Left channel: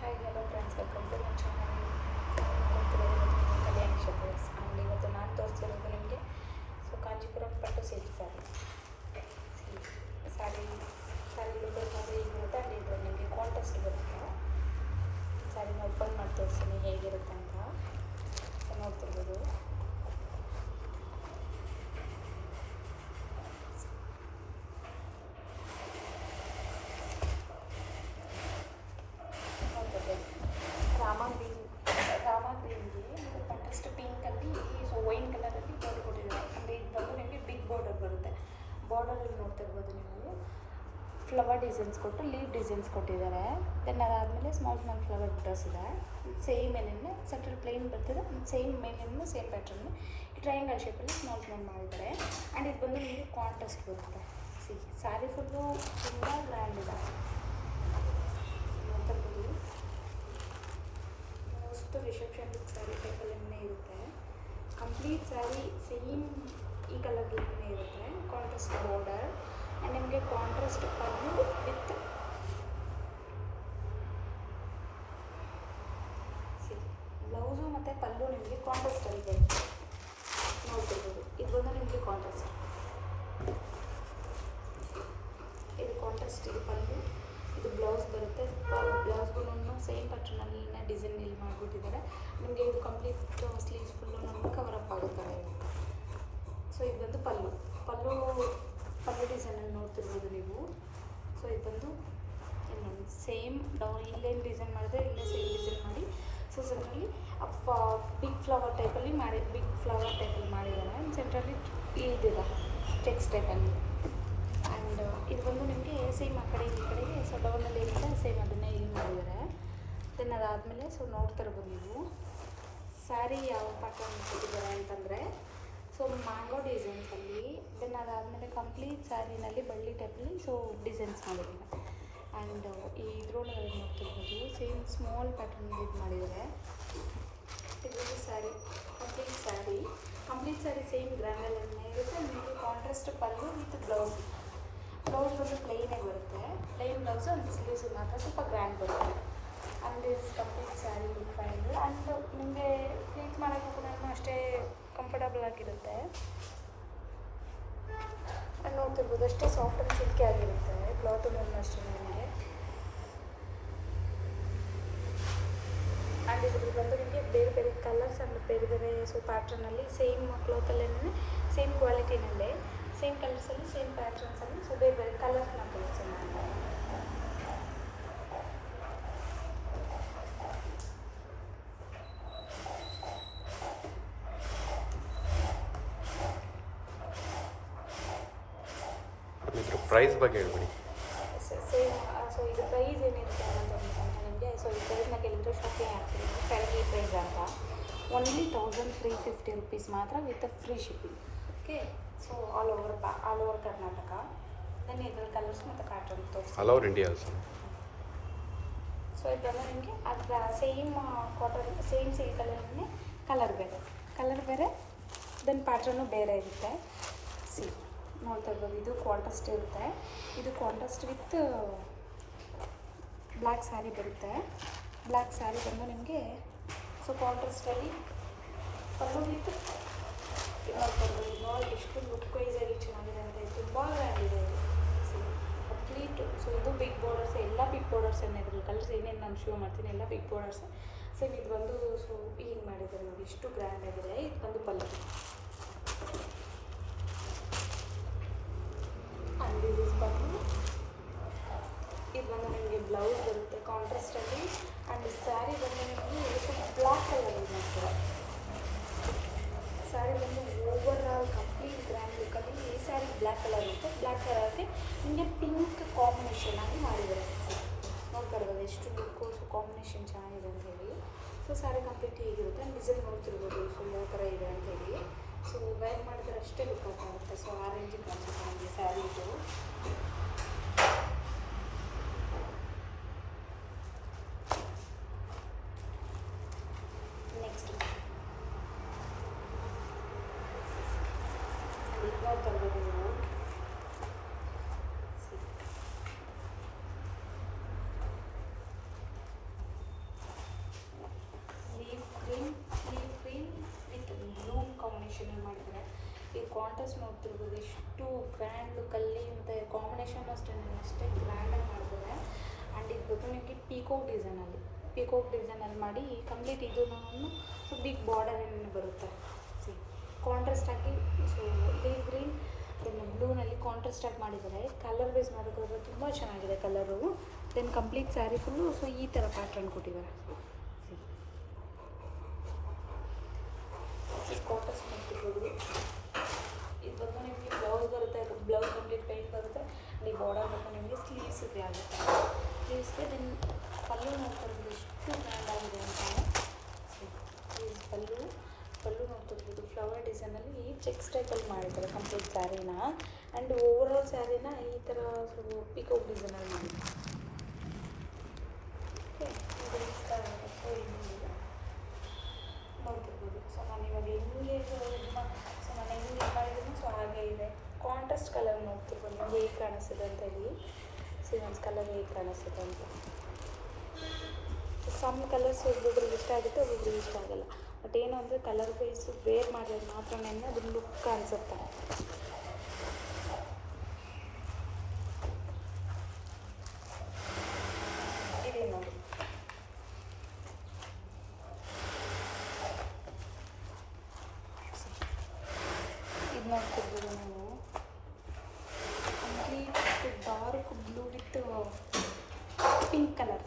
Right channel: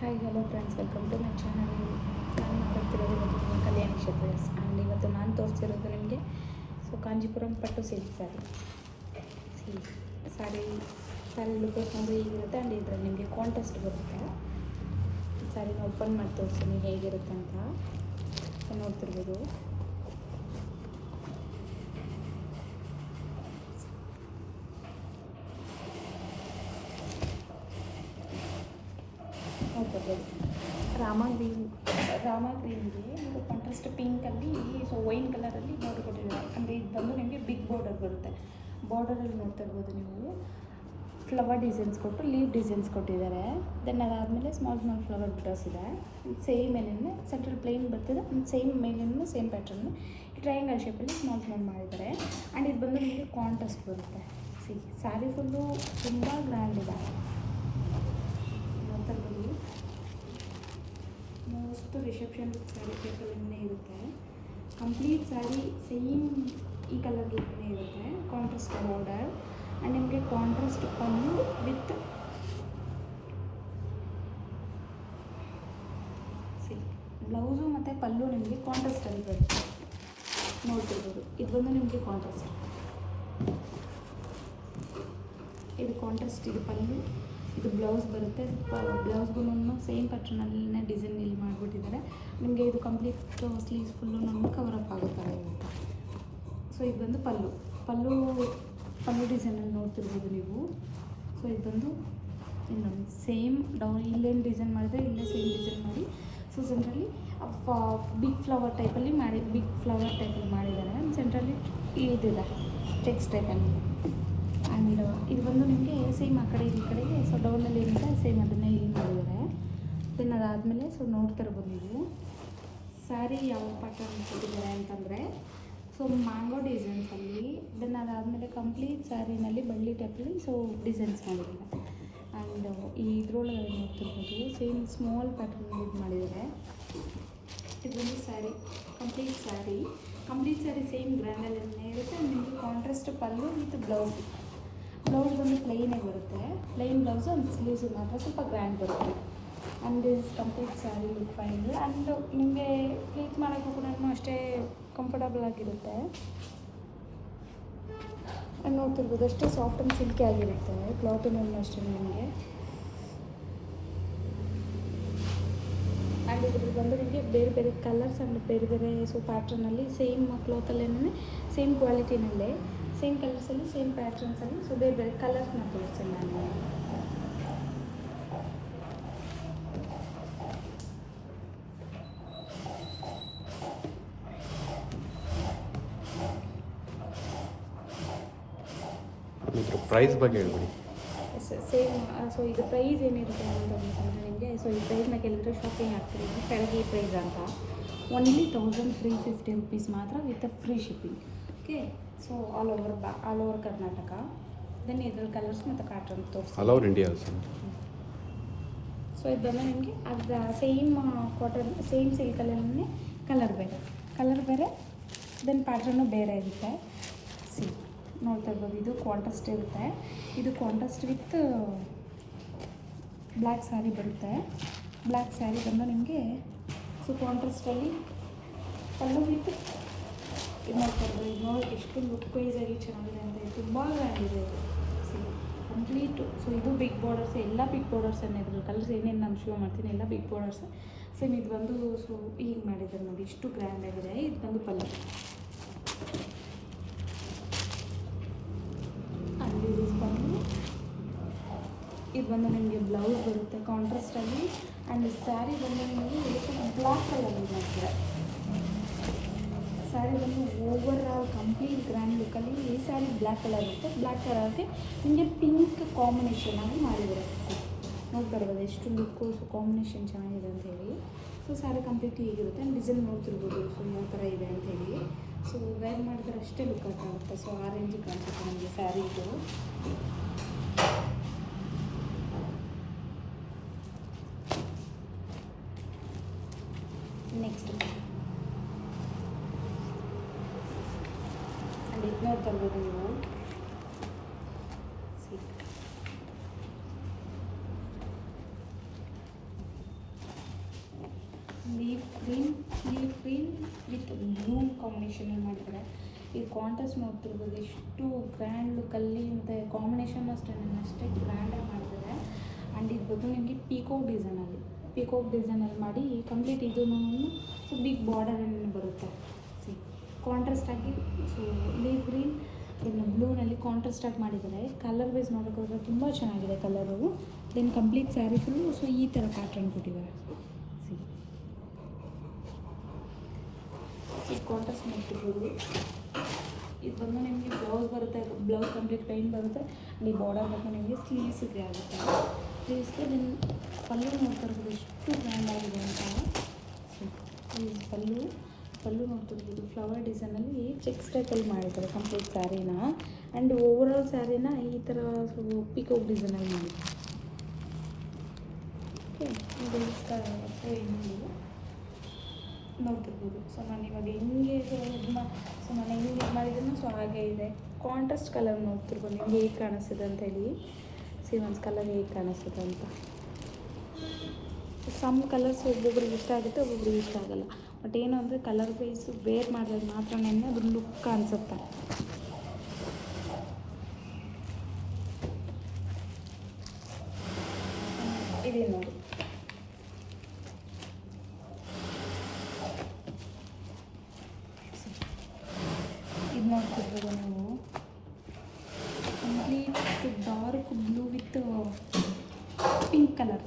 Hi hello friends, welcome to my channel. ನಾನು ಮಾತಾಡ್ತಿರೋದು ಇವತ್ತು ನಿಮ್ಮ ಕಲ್ಯಾಣಿ ಕ್ಷೇತ್ರಸ್. ಆ್ಯಂಡ್ ಇವತ್ತು ನಾನು ತೋರಿಸಿರೋದು ನಿಮಗೆ ಕಾಂಜೀಪುರಂ ಪಟ್ಟು ಸಿಲ್ಕ್ ಸ್ಯಾರಿ ಲುಕ್ ಅಂದರೆ ಹೀಗಿರುತ್ತೆ. ಆ್ಯಂಡ್ ಇದರಲ್ಲಿ ನಿಮಗೆ ಕಾಂಟ್ರಾಸ್ಟ್ ಬರುತ್ತೆ. ಸ್ಯಾರಿನ ಓಪನ್ ಮಾಡಿ ತೋರಿಸ್ತೀನಿ ಹೇಗಿರುತ್ತೆ ಅಂತ ನೋಡ್ತಿರ್ಬೋದು. ನೋಡ್ತಿರ್ಬೋದು ರಾಮ ಗ್ರೀನ್ಗೆ ಅಂದರೆ ಕಾಂಟ್ರಾಸ್ಟ್ ಪಿಂಕಲ್ಲಿ ವೈನ್ ಕಲರಲ್ಲಿ ಬಾರ್ಡರ್ ಕೊಟ್ಟಿದ್ದಾರೆ. ಅಂದರೆ ಇದು ಬಂದು ನಿಮಗೆ ಬಿಗ್ ಬಾರ್ಡರ್ ಬರುತ್ತೆ. ಬಾರ್ಡರಲ್ಲಿ ನೋಡ್ತಾ ಇರ್ಬೋದು ನೀವು ಫ್ಲವರ್ ಡಿಸೈನ್ಸ್ ಕೊಟ್ಟು ಲೀವ್ ಡಿಸೈನ್ಸ್ ಕೊಟ್ಟಿದ್ದಾರೆ. ದೆನ್ ಅದಾದಮೇಲೆ ಸ್ಮಾಲ್ ಫ್ಲವರ್ ಬುಟಾಸ್ ಇದೆ. ಸೇಮ್ ಏನೇನು ಸೆಂಟ್ರಲ್ ಪ್ಲೇನ್ ಬರ್ತಿದೆ. ಸೇಮ್ ಮೇಲಿನ ಸೇಮ್ ಪ್ಯಾಟ್ರನ್ನು ಟ್ರಯಾಂಗಲ್ ಶೇಪಲ್ಲಿ ಸ್ಮಾಲ್ ಮಾಡಿದ್ದಾರೆ. ಆ್ಯಂಡ್ ಇದು ಬಂದು ನಿಮಗೆ ಕಾಂಟ್ರಾಸ್ಟ್ ಬರುತ್ತೆ. ಸ್ಯಾರಿ ಫುಲ್ಲು ತುಂಬ ಗ್ರ್ಯಾಂಡ್ ಇದೆ. ನೋಡ್ತಾ ಇರ್ಬೋದು. ಮೋಸ್ಟ್ ರಿಸೆಪ್ಷನ್ ಸ್ಯಾರಿ ಟೈಪಲ್ಲೇ ಇರುತ್ತೆ. ಕಂಪ್ಲೀಟ್ ಸ್ಯಾರಿ ಸೇಮ್ ಈ ಕಲರ್ಗೆ ಇರುತ್ತೆ. ಕಾಂಟ್ರಾಸ್ಟ್ ಬಾರ್ಡರ್ ಆ್ಯಂಡ್ ನಿಮಗೆ ಕಾಂಟ್ರಾಸ್ಟ್ ಪಲ್ಲು ವಿತ್ ಬ್ಲೌಸು ಮತ್ತು ಪಲ್ಲು ನಿಮಗೆ ಕಾಂಟ್ರಾಸ್ಟಲ್ಲಿ ಬರುತ್ತೆ. ನೋಡ್ತಿರ್ಬೋದು. ಇದು ಬಂದು ನಿಮಗೆ ಕಾಂಟ್ರಾಸ್ಟ್, ಇದು ಕಾಂಟ್ರಾಸ್ಟ್, ಇದು ಪಲ್ಲು, ಇದು ಬ್ಲೌಸ್ ಬರುತ್ತೆ. ಬ್ಲೌಸ್ಗೂ ಸೇಮ್ ಪ್ಯಾಟ್ರನಲ್ಲೇ ಡಿಸೈನ್ ಇಲ್ಲಿ ಮಾಡಿಬಿಟ್ಟಿದ್ದಾರೆ. ನಿಮಗೆ ಇದು complete sleeves full cover up ಆಗುತ್ತೆ. ಇದು ಬಂದು ಪಲ್ಲು ಡಿಸೈನಲ್ಲಿ ನೋಡ್ತಿರ್ಬೋದು ನೀವು. ಇದು ಬಂದು ಇಲ್ಲ ಸೇಮ್ ಡೌನ್ ಇಲ್ಲೇನು ಡಿಸೈನ್ ಮಾಡಿದ್ರೆ ಇಲ್ಲೇ ಸೇಮ್ ಡಿಸೈನ್ ಮಾಡಿ ಸೆಂಟ್ರಲ್ಲಿ ಬಿಗ್ ಫ್ಲವರ್ ಟೈಪಲ್ಲಿ ಮಾಡಿದ್ದಾರೆ. ಸೆಂಟ್ರಲ್ಲಿ ಇದಿದೆ ಚೆಕ್ಸ್ ಟೈಪಲ್ಲಿ. ಆ್ಯಂಡ್ ಇದು ಬಂದು ನಿಮಗೆ ಸೇಮ್ ಆ ಕಡೆ ಈ ಕಡೆಗೆ ಡೌನಲ್ಲಿ ಏನಿದೆ ಸೇಮ್ ಅದನ್ನೇ ಇಲ್ಲಿ ಮಾಡಿದ್ದಾರೆ. ದೆನ್ ಅದಾದಮೇಲೆ ನೋಡ್ತಾ ಇರ್ಬೋದು ನೀವು ಸ್ಯಾರಿ ಯಾವ ಪ್ಯಾಟರ್ನ್ ಕೊಟ್ಟಿದ್ದಾರೆ ಅಂತಂದರೆ ಮ್ಯಾಂಗೋ ಡಿಸೈನ್ಸಲ್ಲಿ. ದೆನ್ ಅದಾದಮೇಲೆ ಕಂಪ್ಲೀಟ್ ಸ್ಯಾರಿನಲ್ಲಿ ಬಳ್ಳಿ ಟೈಪಲ್ಲಿ ಡಿಸೈನ್ಸ್ ಮಾಡಿದ್ದಾರೆ. ಆ್ಯಂಡ್ ಈ ಇದ್ರೊಳಗಡೆ ನೋಡ್ತಿರ್ಬೋದು ಸೇಮ್ ಸ್ಮಾಲ್ ಪ್ಯಾಟರ್ನಲ್ಲಿ ಇದು ಮಾಡಿದ್ದಾರೆ. ಇದು ಬಂದು ಕಂಪ್ಲೀಟ್ ಸ್ಯಾರಿ ಸೇಮ್ ಗ್ರ್ಯಾಂಡಲ್ಲೇ ಇರುತ್ತೆ. ನಿಮಗೆ ಕಾಂಟ್ರಾಸ್ಟ್ ಪಲ್ಲು ಮತ್ತು ಬ್ಲೌಸ್ ಬಂದು ಪ್ಲೈನೇ ಬರುತ್ತೆ. ಪ್ಲೈನ್ ಬ್ಲೌಸು ಒಂದು ಸ್ಲೀವ್ಸು ಮಾತ್ರ ಸ್ವಲ್ಪ ಗ್ರ್ಯಾಂಡ್ ಬರುತ್ತೆ. And this complete sari look final. And ನಿಮಗೆ ಪ್ಲೀಟ್ ಮಾಡೋಕ್ಕೂ ಕೂಡ ಅಷ್ಟೇ ಕಂಫರ್ಟಬಲ್ ಆಗಿರುತ್ತೆ. ನೋಡ್ತಿರ್ಬೋದು ಅಷ್ಟೇ ಸಾಫ್ಟ್ ಆ್ಯಂಡ್ ಸಿಲ್ಕಿ ಆಗಿರುತ್ತೆ. ಕ್ಲಾತು ಅಷ್ಟೇ ನಿಮಗೆ. ಆ್ಯಂಡ್ ಇದ್ರ ಬಂದು ನಿಮಗೆ ಬೇರೆ ಬೇರೆ ಕಲರ್ಸ್ ಆ್ಯಂಡ್ ಬೇರೆ ಪ್ಯಾಟ್ರನಲ್ಲಿ ಸೇಮ್ ಕ್ಲಾತಲ್ಲೇ ಸೇಮ್ ಕ್ವಾಲಿಟಿನಲ್ಲೇ ಸೇಮ್ ಕಲರ್ಸಲ್ಲಿ ಸೇಮ್ ಪ್ಯಾಟ್ರನ್ಸಲ್ಲಿ ಬೇರೆ ಬೇರೆ ಕಲರ್ಸ್ನ ತೋರಿಸ್ತೀನಿ ನಾನು. ಪ್ರೈಸ್ ಬಗ್ಗೆ ಹೇಳ್ಬಿಡಿ. ಸೇಮ್ ಇದು ಪ್ರೈಸ್ ಏನಿರುತ್ತೆ ಅನ್ನೋದು ಅಂತಂದರೆ ನಿಮಗೆ ಈ ಪ್ರೈಸ್ನ ಕೇಳಿದ್ರೆ ಶಾಪಿಂಗ್ ಆಗ್ತಿದೆ. ಸ್ಯಾಲ್ರಿ ಪ್ರೈಸ್ ಅಂತ ಓನ್ಲಿ 1350 ರುಪೀಸ್ ಮಾತ್ರ with free shipping. Okay. All over Karnataka. Then ಇದರಲ್ಲಿ ಕಲರ್ಸ್ ಮತ್ತು ಪ್ಯಾಟ್ರನ್ ತೋರಿಸಿ ಆಲ್ ಓವರ್ ಇಂಡಿಯಾ. ಇದು ಬಂದು ನಿಮಗೆ ಅದು ಸೇಮ್ ಕಾಟನ್ ಸೇಮ್ ಸಿಲ್ಕಲ್ಲಿ ಕಲರ್ ಬೇರೆ ದೆನ್ ಪ್ಯಾಟ್ರನ್ನು ಬೇರೆ ಇರುತ್ತೆ. ನೋಡ್ತಾ ಇರ್ಬೋದು. ಇದು ಕಾಂಟ್ರಾಸ್ಟ್ ಇರುತ್ತೆ. ಇದು ಕಾಂಟ್ರಾಸ್ಟ್ ವಿತ್ ಬ್ಲ್ಯಾಕ್ ಸ್ಯಾರಿ ಬರುತ್ತೆ. ಬ್ಲ್ಯಾಕ್ ಸ್ಯಾರಿ ಬಂದು ನಿಮಗೆ ಕಾಂಟ್ರಾಸ್ಟಲ್ಲಿ ಪಲ್ಲು ವಿತ್ ಇದು ನೋಡ್ತಾ ಇರ್ಬೋದು. ಇದು ನೋಡೋಕ್ಕೆ ಎಷ್ಟು ಲುಕ್ ವೈಸಾಗಿ ಚೆನ್ನಾಗಿದೆ ಅಂತ ತುಂಬ ಗ್ರ್ಯಾಂಡಿದೆ ಇದು. ಕಂಪ್ಲೀಟು ಇದು ಬಿಗ್ ಬಾರ್ಡರ್ಸ್, ಎಲ್ಲ ಬಿಗ್ ಬಾರ್ಡರ್ಸ್ ಇದ್ರಲ್ಲಿ ಕಲರ್ಸ್ ಏನೇನು ನಾನು ಶೋ ಮಾಡ್ತೀನಿ ಎಲ್ಲ ಬಿಗ್ ಬಾರ್ಡರ್ಸ್. ಸೇಮ್ ಇದು ಬಂದು ಹೀಗೆ ಮಾಡಿದ್ದಾರೆ ನೋಡಿ, ಇಷ್ಟು ಗ್ರ್ಯಾಂಡ್ ಆಗಿದೆ. ಇದು ಬಂದು ಪಲ್ಲು. ಇದು ಬಂದು ನಿಮಗೆ ಬ್ಲೌಸ್ ಬರುತ್ತೆ ಕಾಂಟ್ರಾಸ್ಟಲ್ಲಿ. ಆ್ಯಂಡ್ ಸ್ಯಾರಿ ಬಂದು ನಿಮಗೆ ಸ್ವಲ್ಪ ಬ್ಲ್ಯಾಕ್ ಕಲರಲ್ಲಿ ಮಾಡ್ತಾರೆ. ಸ್ಯಾರಿ ಬಂದು ಓವರ್ ಆಲ್ ಕಂಪ್ಲೀಟ್ ಗ್ರ್ಯಾಂಡ್ ಲುಕ್ಕಲ್ಲಿ ಈ ಸ್ಯಾರಿ ಬ್ಲ್ಯಾಕ್ ಕಲರ್ ಇರುತ್ತೆ. ಬ್ಲ್ಯಾಕ್ ಕಲರ್ಗೆ ನಿಮಗೆ ಪಿಂಕ್ ಕಾಂಬಿನೇಷನ್ ಆಗಿ ಮಾಡಿದ್ದಾರೆ. ನೋಡ್ತಾ ಇರ್ಬೋದು ಎಷ್ಟು ಲುಕ್ಕು ಕಾಂಬಿನೇಷನ್ ಚೆನ್ನಾಗಿದೆ ಅಂತ ಹೇಳಿ. ಸ್ಯಾರಿ ಕಂಪ್ಲೀಟ್ ಹೀಗಿರುತ್ತೆ. ಡಿಸೈನ್ ನೋಡ್ತಿರ್ಬೋದು ಯಾವ ಥರ ಇದೆ ಅಂತೇಳಿ. ವೇರ್ ಮಾಡಿದ್ರೆ ಅಷ್ಟೇ ಲುಕ್ ಆಗಿರುತ್ತೆ. ಆ ರೇಂಜಿಗೆ ಕಾಣಿಸುತ್ತೆ ನಿಮಗೆ ಸ್ಯಾರಿದು. ನೆಕ್ಸ್ಟ್ ಇದು ನೋಡ್ತಾ ಇರ್ಬೋದು ನೀವು. Leaf green with blue combination ಮಾಡಿದ್ದಾರೆ. ಈ ಕಾಂಟ್ರಾಸ್ಟ್ ನೋಡ್ತಿರ್ಬೋದು ಎಷ್ಟು ಗ್ರ್ಯಾಂಡ್ ಲುಕ್ಕಲ್ಲಿ ಮತ್ತು ಕಾಂಬಿನೇಷನ್ ಅಷ್ಟೇ ಗ್ರ್ಯಾಂಡಾಗಿ ಮಾಡಿದ್ದಾರೆ. ಆ್ಯಂಡ್ ಇದು ಬಂದು ನಿಮಗೆ ಪೀಕೋಕ್ ಡಿಸೈನಲ್ಲಿ ಮಾಡಿ ಕಂಪ್ಲೀಟ್ ಇದೂ ಸೊ ಬಿಗ್ ಬಾರ್ಡರ್ ಬರುತ್ತೆ. ಸೊ ಕಾಂಟ್ರಾಸ್ಟಾಗಿ ಸೊ ಲೀಫ್ ಗ್ರೀನ್ ಬ್ಲೂನಲ್ಲಿ ಕಾಂಟ್ರಾಸ್ಟಾಗಿ ಮಾಡಿದ್ದಾರೆ. ಕಲರ್ ವೈಸ್ ನೋಡೋಕ್ಕೋದ್ರೆ ತುಂಬ ಚೆನ್ನಾಗಿದೆ colour. Then complete sari full so ಈ ಥರ ಪ್ಯಾಟ್ರನ್ ಕೊಟ್ಟಿದ್ದಾರೆ. ಕಾಂಟ್ರಾಸ್ಟ್ ಮಾಡ್ತಿರ್ಬೋದು. ಇದು ಬಂದು ನಿಮಗೆ ಬ್ಲೌಸ್ ಬರುತ್ತೆ, ಬ್ಲೌಸ್ ಕಂಪ್ಲೀಟ್ ಪ್ಲೇನ್ ಬರುತ್ತೆ. ಈ ಬಾರ್ಡರ್ ಬಂದು ನಿಮಗೆ ಸ್ಲೀವ್ಸಿಗೆ ಆಗುತ್ತೆ. ಸ್ಲೀವ್ಸ್ಗೆ ನಿನ್ನ ಪಲ್ಲು ನೋಡ್ತಿರ್ಬೋದು ಎಷ್ಟು ಗ್ರ್ಯಾಂಡ್ ಆಗಿದೆ ಅಂತ. ಪಲ್ಲು ನೋಡ್ತಿರ್ಬೋದು ಫ್ಲವರ್ ಡಿಸೈನಲ್ಲಿ ಚೆಕ್ಸ್ ಟೈಪಲ್ಲಿ ಮಾಡಿದ್ದಾರೆ ಕಂಪ್ಲೀಟ್ ಸ್ಯಾರಿನ. ಆ್ಯಂಡ್ ಓವರಾಲ್ ಸ್ಯಾರಿನ ಈ ಥರ ಪಿಕೋಕ್ ಡಿಸೈನಲ್ಲಿ ಮಾಡಿದ್ದಾರೆ. ನೋಡ್ತಿರ್ಬೋದು. ಸೊ ನಾನು ಇವಾಗ ಹೆಂಗೆ ಸೊ ನಾನು ಹೆಂಗೆ ಇದು ಮಾಡಿದ್ದೀನಿ ಸೊ ಹಾಗೆ ಇದೆ. ಕಾಂಟ್ರಾಸ್ಟ್ ಕಲರ್ ನೋಡ್ತಿರ್ಬೋದು ನೀವು ಹೇಗೆ ಕಾಣಿಸ್ತಿದೆ ಅಂತೇಳಿ. ಸೀವನ್ಸ್ ಕಲರ್ ಹೇಗೆ ಕಾಣಿಸ್ತಿದೆ ಅಂತ. ಸಮ್ ಕಲರ್ಸ್ ಒಬ್ಬೊಬ್ರಿಗೆ ಇಷ್ಟ ಆಗುತ್ತೆ, ಒಬ್ಬೊಬ್ರಿಗೆ ಇಷ್ಟ ಆಗೋಲ್ಲ. ಬಟ್ ಏನು ಅಂದರೆ ಕಲರ್ ವೈಸ್ ವೇರ್ ಮಾಡಿದಾಗ ಮಾತ್ರ ಅದು ಲುಕ್ ಕಾಣಿಸುತ್ತೆ. ಇದೆ ನೋಡಿ, ಇದು ನೋಡ್ತಿರ್ಬೋದು ನೀವು complete dark blue with pink colour.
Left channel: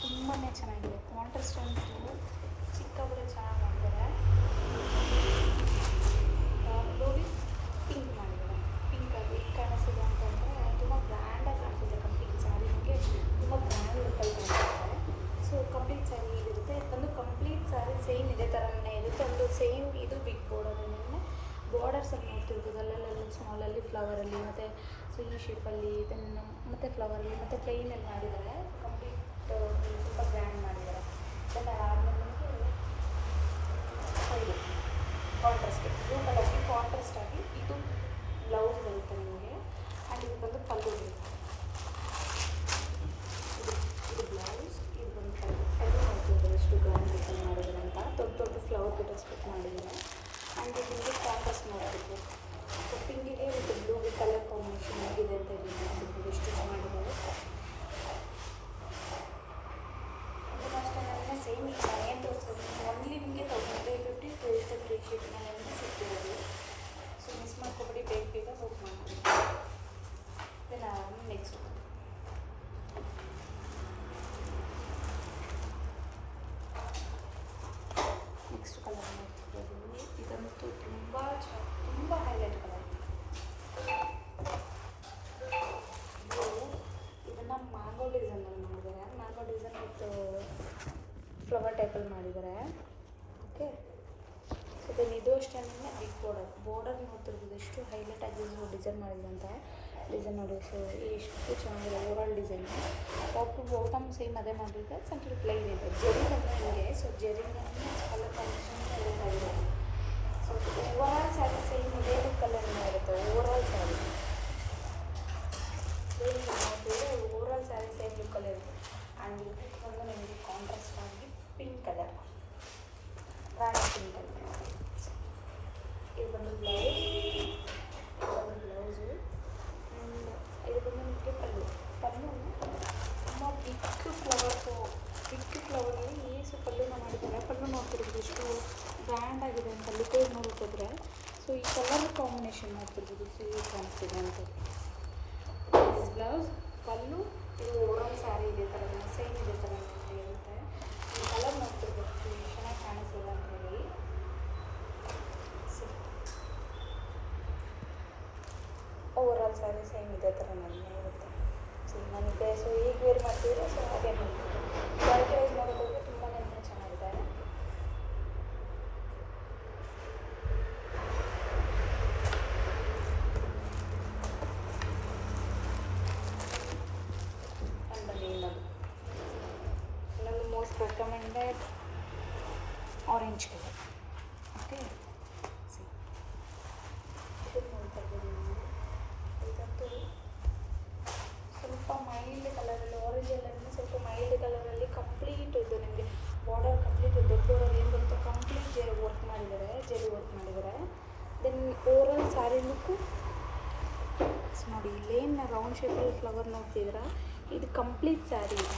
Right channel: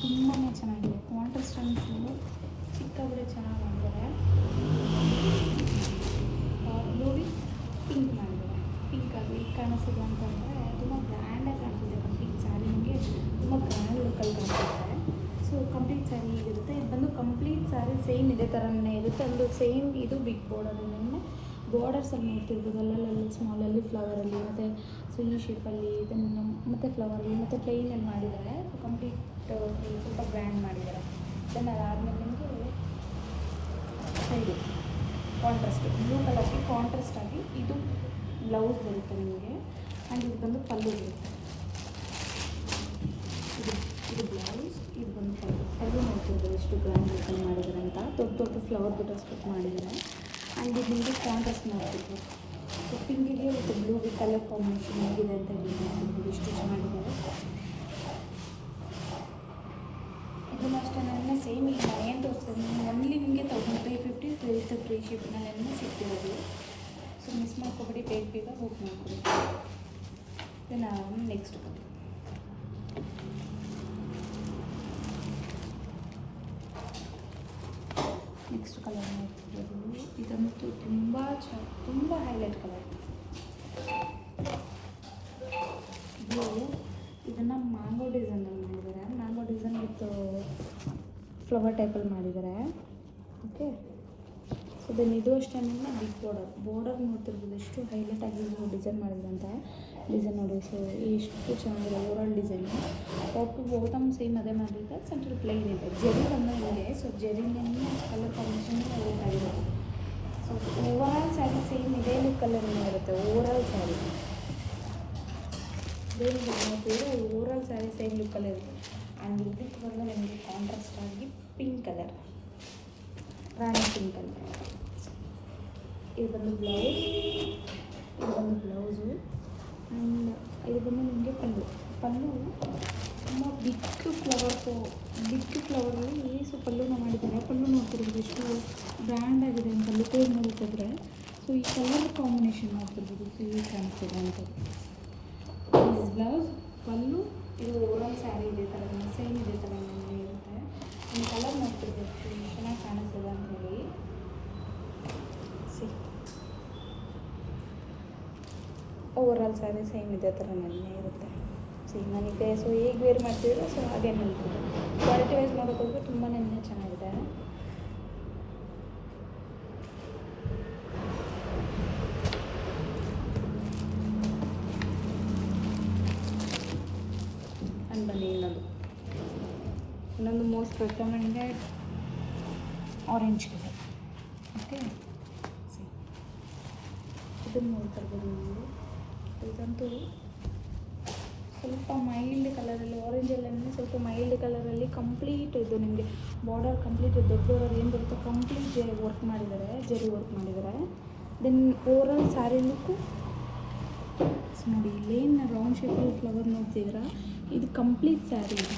ತುಂಬಾ ಚೆನ್ನಾಗಿದೆ. ಕಾಂಟ್ರಾಸ್ಟ್ ಅಂತೂ ಸಿಕ್ಕಾಪಟ್ಟೆ ಚೆನ್ನಾಗಿ ಮಾಡ್ತಾರೆ. ಬ್ಲೂ ವಿತ್ ಪಿಂಕ್ ಮಾಡಿದ್ದಾರೆ. ಪಿಂಕ್ ಅದು ಹೇಗೆ ಕಾಣಿಸ್ತದೆ ಅಂತಂದರೆ ತುಂಬ ಗ್ರ್ಯಾಂಡಾಗಿ ಕಾಣಿಸುತ್ತೆ. ಕಂಪ್ಲೀಟ್ ಸ್ಯಾರಿ ನಿಮಗೆ ತುಂಬ ಗ್ರ್ಯಾಂಡ್ ಲುಕ್ಕಲ್ಲಿ ಕಾಣಿಸುತ್ತೆ. ಸೊ ಕಂಪ್ಲೀಟ್ ಸ್ಯಾರಿ ಇರುತ್ತೆ. ಇದು ಬಂದು ಕಂಪ್ಲೀಟ್ ಸ್ಯಾರಿ ಸೇಮ್ ಇದೇ ಥರನೇ ಇರುತ್ತೆ. ಒಂದು ಸೇಮ್ ಇದು ಬಿಗ್ ಬಾರ್ಡರಲ್ಲಿ ಬಾರ್ಡರ್ಸಲ್ಲಿ ನೋಡ್ತಿರ್ಬೋದು. ಅಲ್ಲಲ್ಲಿ ಸ್ಮಾಲಲ್ಲಿ ಫ್ಲವರಲ್ಲಿ ಮತ್ತು ಸೊ ಈ ಶೇಪಲ್ಲಿ ಇದನ್ನು ಮತ್ತು ಫ್ಲವರಲ್ಲಿ ಮತ್ತು ಪ್ಲೇನಲ್ಲಿ ಮಾಡಿದ್ದಾರೆ. ಸೊ ಕಂಪ್ಲೀಟ್ ಸ್ವಲ್ಪ ಗ್ರ್ಯಾಂಡ್ ಮಾಡಿದ್ದಾರೆ. ದೆನ್ ಅದಾದಮೇಲೆ ನಿಮಗೆ side contrast blue colour contrast ಆಗಿ ಇದು ಬ್ಲೌಸ್ ಬರುತ್ತೆ ನಿಮಗೆ. ಆ್ಯಂಡ್ ಇದು ಬಂದು ಪಲ್ಲು ಬರುತ್ತೆ. ಇದು ಬ್ಲೌಸ್, ಇದು ಬಂದು ಪಲ್ಲು ನೋಡ್ತಿರ್ಬೋದು ಎಷ್ಟು ಗ್ರ್ಯಾಂಡ್ ಲುಕ್ಕಲ್ಲಿ ಮಾಡಿದ್ದಾರೆ ಅಂತ. ದೊಡ್ಡ ಫ್ಲವರ್ ಬುಟ್ಟ ಸ್ಟಿಚ್ ಮಾಡಿದ್ದಾರೆ. ಆ್ಯಂಡ್ ಇದು ನಿಮಗೆ ಕಾಂಟ್ರಾಸ್ಟ್ ನೋಡ್ತಿರ್ಬೋದು. ಸೊ ಪಿಂಕಿಗೆ ವಿತ್ ಬ್ಲೂಗೆ ಕಲರ್ ಕಾಂಬಿನೇಷನ್ ಹೇಗಿದೆ ಅಂತ ಹೇಳಿ ನೋಡ್ತಿರ್ಬೋದು ಎಷ್ಟು ಚೆನ್ನಾಗಿದೆ. ಇದನ್ನು ಅಷ್ಟೇ ನನ್ನ ಸೇಮ್ ಈಗ ನಾನು ಏನು ತೋರಿಸ್ತೀನಿ ಒನ್ಲಿ ನಿಮಗೆ 1350 ವಿತ್ ಫ್ರೀ ಶಿಪ್ಪಿನಲ್ಲಿ ಸಿಗ್ತಿರೋದು. ಸೊ ಮಿಸ್ ಮಾಡ್ಕೊಬಿಡಿ, ಬೇಗ ಬುಕ್ ಮಾಡ್ಕೊಡಿ. ನಾನು ನೆಕ್ಸ್ಟ್ ಕಲರ್ ನೋಡ್ತಿರೋದು. ಇದಂತೂ ತುಂಬ ಹೈಲೈಟ್ ಕಲರ್. ಇದನ್ನು ಮ್ಯಾಂಗೋ ಡಿಸೈನಲ್ಲಿ ಮಾಡಿದ್ದಾರೆ. ಮ್ಯಾಂಗೋ ಡಿಸೈನ್ ವಿತ್ ಫ್ಲವರ್ ಟೈಪಲ್ಲಿ ಮಾಡಿದ್ದಾರೆ. ಓಕೆ. ಸೊ ದೆನ್ ಇದು ಅಷ್ಟೇ ಬಿಗ್ ಬಾರ್ಡರ್ ನೋಡ್ತಿರ್ಬೋದು ಎಷ್ಟು ಹೈಲೈಟ್ ಆಗಿ ಡಿಸೈನ್ ಮಾಡಿದಂತೆ. ಡಿಸೈನ್ ನೋಡಿ ಸೊ ಎಷ್ಟು ಚೆನ್ನಾಗಿದೆ overall design. Top to bottom same ಅದೇ ಮಾಡಿದ್ರೆ ಸೆಂಟ್ರಲ್ ಪ್ಲೈನ್ ಇದೆ. ಜರಿ ಇದೆ. ಸೊ ಜರಿನಲ್ಲಿ ಕಲರ್ ಕಾಂಬಿನೇಷನ್ ಹೈಲೈಟ್ ಆಗಿರೋದು. ಸೊ ಓವರಾಲ್ ಸ್ಯಾರಿ ಸೇಮ್ ಇದೇ ಕಲರ್ನ ಇರುತ್ತೆ. Overall saree overall saree same ಲುಕ್ಕಲ್ಲಿ ಇರುತ್ತೆ. ಆ್ಯಂಡ್ ಇದಕ್ಕೆ ಬಂದು ನಮಗೆ ಕಾಂಟ್ರಾಸ್ಟ್ ಆಗಿ ಪಿಂಕ್ ಕಲರ್, ರಾಣಿ ಪಿಂಕಲ್ಲಿ. ಇದು ಬಂದು ಬ್ಲೌಸು. ಇದು ಬಂದು ನಿಮಗೆ ಪಲ್ಲು ತುಂಬ ಬಿಗ್ ಫ್ಲವರಲ್ಲಿ ಸೊ ಪಲ್ಲುನ ಮಾಡಿದ್ದಾರೆ. ಪಲ್ಲು ನೋಡ್ತಿರ್ಬೋದು ಎಷ್ಟು ಬ್ರ್ಯಾಂಡ್ ಆಗಿದೆ ಅಂತ ಲುಕ್ ನೋಡ್ತಿದ್ರೆ. ಸೊ ಈ ಕಲರ್ ಕಾಂಬಿನೇಷನ್ ನೋಡ್ತಿರ್ಬೋದು ಸೊ ಈ ಕಾಣಿಸ್ತಿದೆ ಅಂತ. ದಿಸ್ ಬ್ಲೌಸ್, ಪಲ್ಲು, ಇದು ಓವರಾಲ್ ಸ್ಯಾರಿ ಇದೇ ಥರ ಸೇಮ್ ಇದೇ ಥರ ಇರುತ್ತೆ. ನಮ್ಮ ಕಲರ್ ನೋಡ್ತಿರ್ಬೋದು ಚೆನ್ನಾಗಿ ಕಾಣಿಸ್ತದೆ ಅಂತೇಳಿ. ಓವರಾಲ್ ಸ್ಯಾರಿ ಸೇಮ್ ಇದೇ ಥರ ಇರುತ್ತೆ. ನನಗೆ ಸೊ ಹೇಗೆ ವೇರ್ ಮಾಡ್ತಿದ್ರೆ ಸೊ ಹಾಗೆ ನಿಲ್ತಿದೆ. ಕ್ವಾಲಿಟಿ ವೈಸ್ ನೋಡೋಕ್ಕೋದ್ರೆ ತುಂಬಾ ಚೆನ್ನಾಗಿದೆ. ಇನ್ನೊಂದು most recommended orange colour. Okay. ಇದನ್ನು ನೋಡ್ತಿರ್ಬೋದು ನೀವು. ಇದಂತೂ ಸ್ವಲ್ಪ ಮೈಲ್ಡ್ ಕಲರಲ್ಲಿ ಆರೆಂಜಲ್ಲಿ ಸ್ವಲ್ಪ ಮೈಲ್ಡ್ ಕಲರಲ್ಲಿ ನಿಮಗೆ ಕಂಪ್ಲೀಟ್ ಇದು ನಿಮಗೆ ಬಾರ್ಡರ್ ಕಂಪ್ಲೀಟ್ ದೊಡ್ಡ ಬಾರ್ಡರ್ ಏನು ಬರುತ್ತೋ ಕಂಪ್ಲೀಟ್ ವರ್ಕ್ ಮಾಡಿದ್ದಾರೆ, ಜರಿ ವರ್ಕ್ ಮಾಡಿದ್ದಾರೆ. ದೆನ್ ಓವರಾಲ್ ಸ್ಯಾರಿ ಲುಕ್ಕು ನೋಡಿ, ಇಲ್ಲೇನು ರೌಂಡ್ ಶೇಪಲ್ಲಿ ಫ್ಲವರ್ ನೋಡ್ತಿದ್ದೀರಾ, ಇದು ಕಂಪ್ಲೀಟ್ ಸ್ಯಾರಿ ಇದೆ.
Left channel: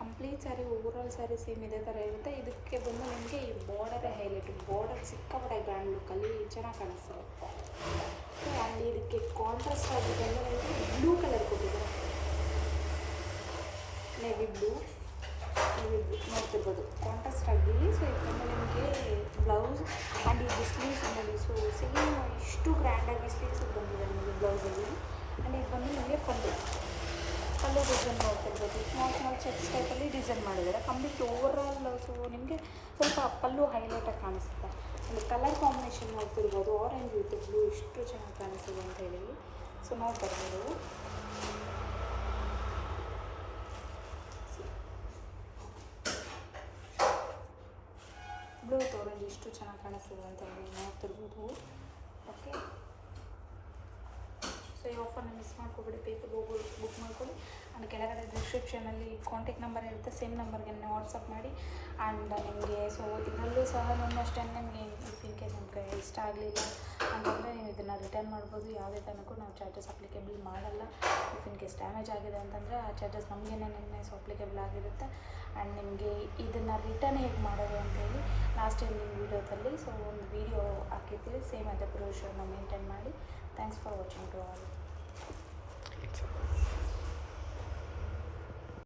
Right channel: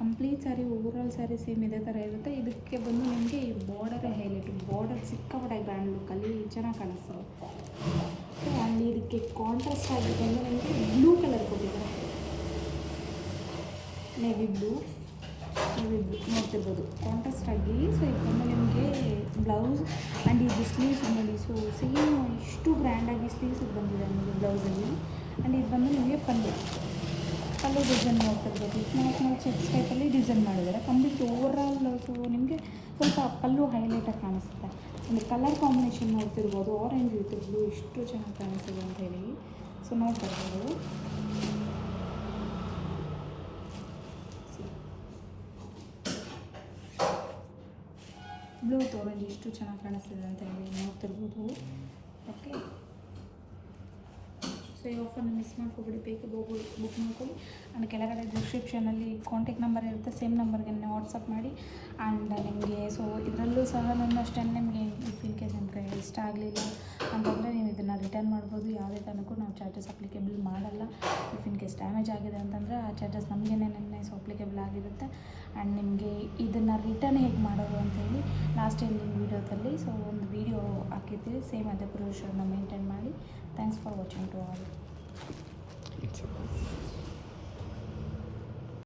Complete sari overall saree same ಇದೇ ಥರ ಇರುತ್ತೆ. ಇದಕ್ಕೆ ಬಂದು ನಿಮಗೆ ಈ ಬಾರ್ಡರೇ ಹೈಲೈಟ್. ಬಾರ್ಡರ್ ಸಿಕ್ಕಾಪಟ್ಟೆ ಗ್ರ್ಯಾಂಡ್ ಲುಕ್ಕಲ್ಲಿ ಚೆನ್ನಾಗಿ ಕಾಣಿಸ್ತದೆ. ಅಲ್ಲಿ ಇದಕ್ಕೆ ಕಾಂಟ್ರಾಸ್ಟ್ ಆಗಿದೆ ಅಂದರೆ ನಿಮಗೆ ಬ್ಲೂ ಕಲರ್ ಬರುತ್ತೆ, ನೇವಿ ಬ್ಲೂ ನೋಡ್ತಿರ್ಬೋದು ಕಾಂಟ್ರಾಸ್ಟ್ ಆಗಿ. ಸೊ ಇದು ಬಂದು ನಿಮಗೆ ಬ್ಲೌಸ್ ಆ್ಯಂಡ್ ಇದು ಸ್ಲೀವ್ಸ್ ನೋಡಿ. ಸೊ ಸೇಮ್ ಇಷ್ಟು ಗ್ರ್ಯಾಂಡಾಗಿ ಸ್ಲೀವ್ಸಿಗೆ ಬಂದಿದೆ ನಿಮಗೆ ಬ್ಲೌಸಲ್ಲಿ. ಆ್ಯಂಡ್ ಇದು ಬಂದು ನಿಮಗೆ ಪಲ್ಲು ಡಿಸೈನ್ ನೋಡ್ತಿರ್ಬೋದು. ಸ್ಮಾಲ್ ಚೆಕ್ಸ್ ಟೈಪಲ್ಲಿ ಡಿಸೈನ್ ಮಾಡಿದ್ದಾರೆ. ಕಂಪ್ಲೀಟ್ ಓವರಾಲ್ ಬ್ಲೌಸು ನಿಮಗೆ ಸ್ವಲ್ಪ ಪಲ್ಲು ಹೈಲೈಟಾಗಿ ಕಾಣಿಸುತ್ತೆ. ಒಂದು ಕಲರ್ ಕಾಂಬಿನೇಷನ್ ನೋಡ್ತಿರ್ಬೋದು, ಆರೆಂಜ್ ವಿತ್ ಬ್ಲೂ ಇಷ್ಟು ಚೆನ್ನಾಗಿ ಕಾಣಿಸ್ತಿದೆ ಅಂತ ಹೇಳಿ. ಸೊ ನೋಡ್ತಾ ಇರ್ಬೋದು. ಬ್ಲೂ ವಿತ್ ಆರೆಂಜ್ ಇಷ್ಟು ಚೆನ್ನಾಗಿ ಕಾಣಿಸ್ತಿದೆ ಅಂತ ಹೇಳಿ ನೋಡ್ತಿರ್ಬೋದು. ಓಕೆ, ಸೊ ಈ ಆಫರ್ನ ಮಿಸ್ ಮಾಡ್ಕೊಬೇಡಿ, ಬೇಕು ಬುಕ್ ಮಾಡ್ಕೊಳ್ಳಿ. ಆ್ಯಂಡ್ ಕೆಳಗಡೆ ಡಿಸ್ಕ್ರಿಪ್ಷನಲ್ಲಿ ಕಾಂಟ್ಯಾಕ್ಟ್ ನಂಬರ್ ಇರುತ್ತೆ, ಸೇಮ್ ನಂಬರ್ಗೆ ವಾಟ್ಸಪ್ ಮಾಡಿ. ಆ್ಯಂಡ್ ನಿಮಗೆ ಸೊ ಇದರಲ್ಲೂ ಸಹ ನಾನು ಅಷ್ಟೇ, ನಿಮಗೆ ಇನ್ ಕೇಸ್ ನಿಮಗೆ ಇಷ್ಟ ಆಗಲಿಲ್ಲ ಅಂತಂದರೆ ನೀವು ಇದನ್ನು ರಿಟರ್ನ್ ಮಾಡ್ಬೋದು. ಯಾವುದೇ ಕಾರಣಕ್ಕೂ ನಾವು ಚಾರ್ಜಸ್ ಅಪ್ಲಿಕೇಬಲ್ ಮಾಡಲ್ಲ. ಇಫ್ ಇನ್ ಕೇಸ್ ಡ್ಯಾಮೇಜ್ ಆಗಿದೆ ಅಂತಂದರೆ ಆ ಚಾರ್ಜಸ್ ನಮಗೇನೆ ಸೊ ಅಪ್ಲಿಕೇಬಲ್ ಆಗಿರುತ್ತೆ. ಆ್ಯಂಡ್ ನಿಮಗೆ ಇದನ್ನು ರಿಟರ್ನ್ ಹೇಗೆ ಮಾಡೋದು ಅಂತೇಳಿ ಲಾಸ್ಟ್ ಎಂಡಿಂಗ್ ವೀಡಿಯೋದಲ್ಲಿ ಸೊ ಒಂದು ವೀಡಿಯೋ ಹಾಕಿರ್ತೀವಿ. ಸೇಮ್ ಅದೇ ಪ್ರೊಸೀಜರ್ನ ಮೇಂಟೈನ್ ಮಾಡಿ. Thanks for watching to all.